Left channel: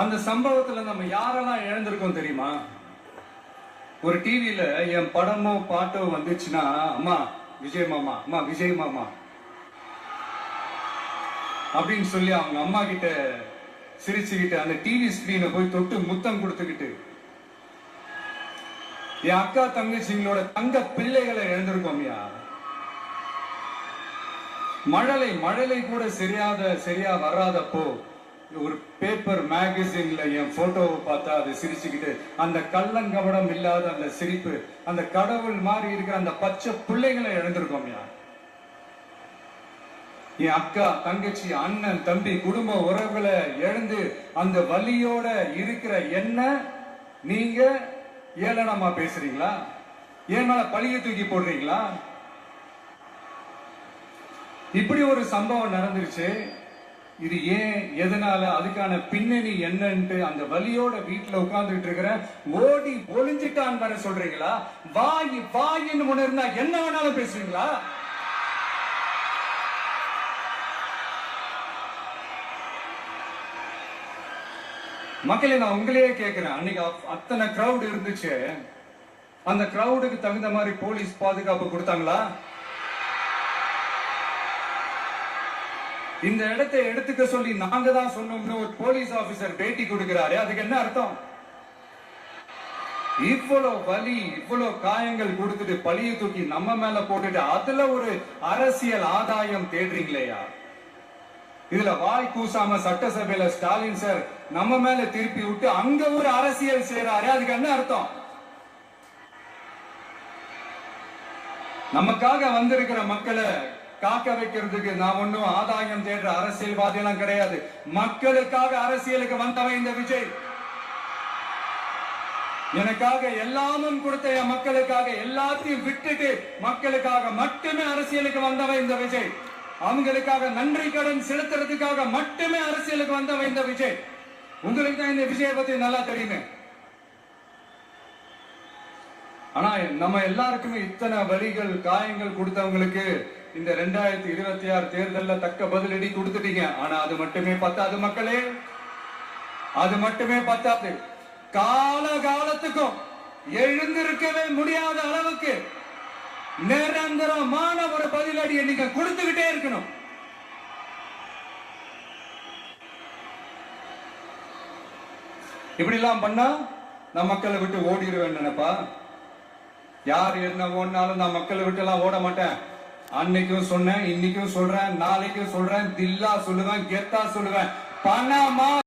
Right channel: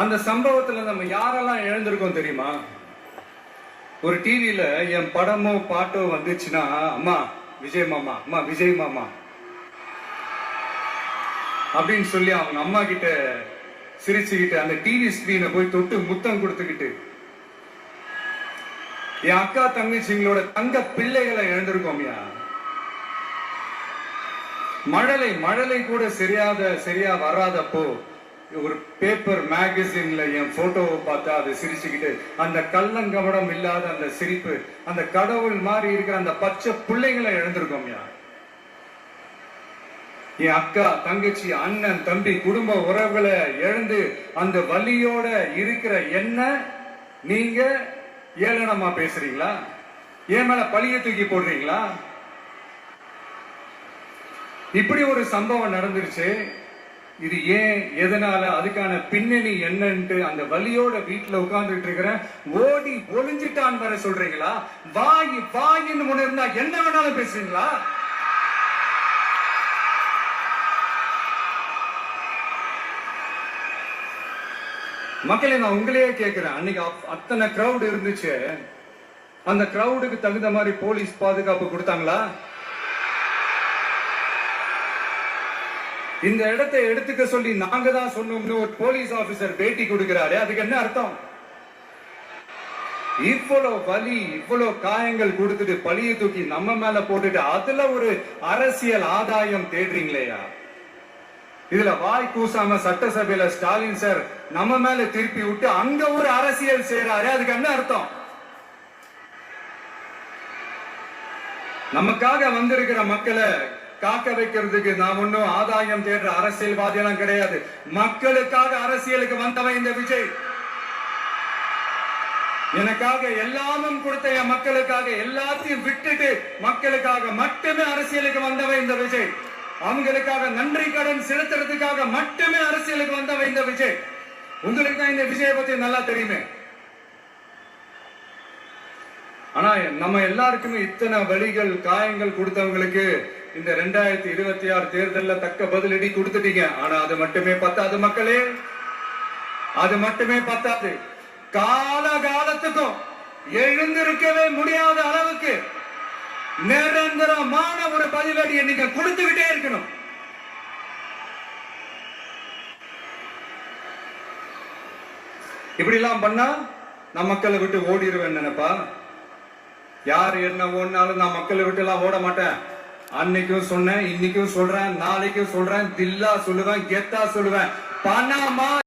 அந்த சம்பவத்துல நம்ம யாரெல்லாம் இழந்திருக்கோம் தெரியுமா? ஒரு டிவியில என் படமோ பாட்டோ வந்துச்சுன்னா, அம்மா விஜய் மாமா, அம்மா விஜய் மாமா அப்படின்னு சொல்லி அவங்க அம்மா கிட்ட சிரிச்சுக்கிட்டு அந்த டிவி ஸ்கிரீனை போய் தொட்டு முத்தம் கொடுத்துக்கிட்டு என் அக்கா தங்கச்சிங்களோட தங்க பிள்ளைகளை இழந்திருக்கோம்யா. மழலை கூட சரியா வராதப்போ ஒரு பேப்பர் மேகசின்ல என் போட்டோவை பார்த்தா அதை சிரிச்சுக்கிட்டு அந்த கள்ளங்கவடம் இல்லாத அந்த சிரிப்பு, அந்த கடவுள் மாதிரி இருக்கிற அந்த பச்சை பிள்ளைகளை இழந்திருக்கோம்யா. என் அக்கா தங்கச்சி அண்ணன் தம்பி குடும்ப உறவுகளை இழந்து அந்த வலியோட இருக்கிற என்ன நீங்க ஏளனமா பேசுறீங்களா? என் மேல பழிய தூக்கி போடுறீங்களா? இப்படி ஒரு சம்பவம் நடந்துருச்சு. இது ஏன், எதனால, அதுக்கான பின்னணி என்னன்ட்டு அந்த வலியோட வீட்டுல உட்கார்ந்துட்டு இருக்கிற ஓடி ஒளிஞ்சிட்டான் வர சொல்றீங்களா? வாயின்னு முன்னிருந்தா என்ன வேணாலும் பேசுறீங்களா? மக்களே, நான் உங்களையே கேட்கிறேன். அன்னைக்கு அத்தனை கிரௌட் இருந்துச்சு, அந்த கிரௌடுக்கு தகுந்த மாதிரி போலீஸ் பாதுகாப்பு கொடுத்தாங்களா? இந்த இடத்தை எடுத்துக்க சொல்லி நாங்க தான் சொன்னோம்னு ஒரு போலீஸ் ஆபீசர் பேட்டி கொடுக்கிறாரு. அதுக்கு என்ன அர்த்தம்? இவ்வளவு வலி, இவ்வளவு காயங்கள் கொடுத்துட்டு பழிய தூக்கி நம்ம மேல போட்டுட்டு அதுல ஒரு அரசியல் ஆதாயம் தேடுறீங்களேயா? இதுல வாய் கூசாம சட்டசபையில ஸ்டாலின் சார் நம்ம மேல திருப்பி விட்டு அங்க ஒரு அரசியல் செய்யறாரு. அதுக்கு என்ன அர்த்தம்? நமக்காக வந்திருக்கிற மக்களை காக்க வைக்கிறதுக்கு நான் ஒன்னும் ஆதாயம் தேடுற அரசியல்வாதி எல்லாம் கிடையாது. மக்களுக்காக அரசியலுக்கு வந்தவன் இந்த விஜய். எனக்காக எல்லாமும் கொடுத்த என் மக்களுக்காக எல்லாத்தையும் விட்டுட்டு மக்களுக்காக மட்டுமே அரசியலுக்கு வந்தவன் இந்த விஜய். அவங்களுக்காக நன்றி கடன் செலுத்துறதுக்காக மட்டுமே அரசியலுக்கு வந்தவன் இந்த விஜய். உங்களுக்கு தான் இந்த விஜயை பத்தி நல்லா தெரியுமே. ஆனா நம்ம எல்லாருக்குமே இத்தனை வலிகள் காயங்கள் கொடுத்தவங்களுக்கு இந்த 2026 தேர்தலில் தக்க பதிலடி கொடுத்துட்டீங்க. ஆனா அது மட்டுமே பத்தாது மக்களே, அது மட்டுமே பத்தாது. காலகாலத்துக்கும் எழுந்திருக்கவே முடியாத அளவுக்கு நிரந்தரமான ஒரு பதிலடியை நீங்க கொடுத்துக்கிட்டே இருக்கணும். இப்படி எல்லாம் பண்ணா நான் மக்களை விட்டு ஓடிடுவேன் நினைப்பா? யார் என்ன ஓடினாலும் நான் மக்களை விட்டு எல்லாம் ஓட மாட்டேன். அன்னைக்கும் சொன்னேன், இன்னைக்கும் சொல்றேன், நாளைக்கும் சொல்றேன், தில்லா சொல்லுவேன், கெத்தா சொல்லுவேன். பணமா